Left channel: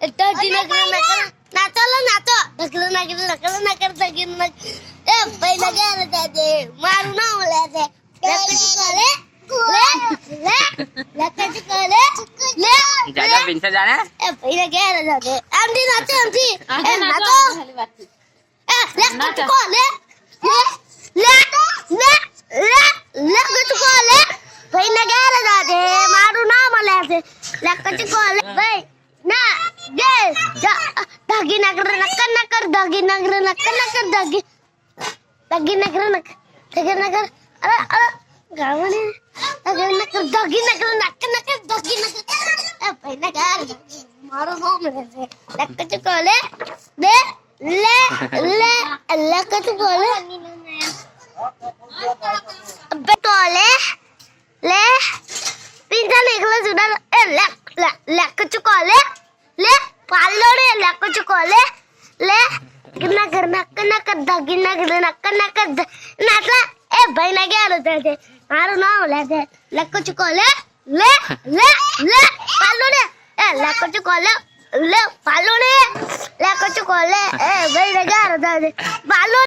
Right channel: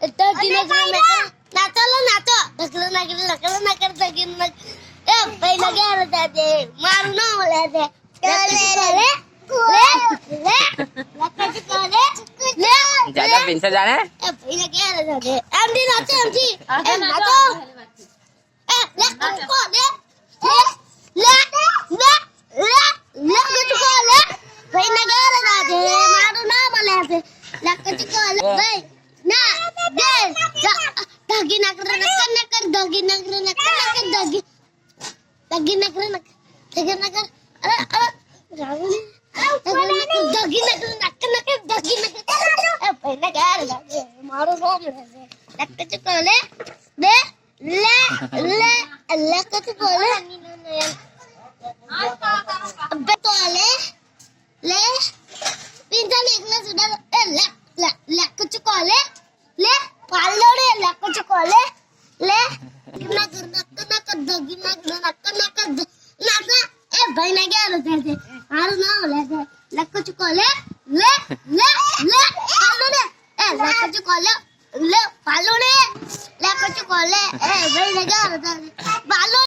ઢગી નકર નાતો ઢગલો નકર ઢગી નકર એ ભાઈ લગે જાજે મારું નામ લે છે જાજા પિંસા જાને એ ભાઈ લગે જાજે એમડી નાતો એ નાતો એ લે કો લે ભાઈ લગે જાજે મારું નામ લે છે લકચ કો લે ભાઈ ના ગે ઢગી નકર ઢગી નકર અરે ગાવને ઢગી નકર એ ભાઈ ના ગાર જાજે મારું નામ લે છે લકચ કો લે લકચ કો લે અબે તો લે પિંજા નીકળો સુડા એ લકચ કો લે પાલો રે લકચ કો લે નકર ઢગી નકર નાટલા એ ભાઈ ના ગયા જાજે મારું નામ લે છે લકચ કો લે પાલો રે એ લકચ કો લે પાલો રે લકચ કો લે એ ભાઈ ના ગયા જાજે પાલો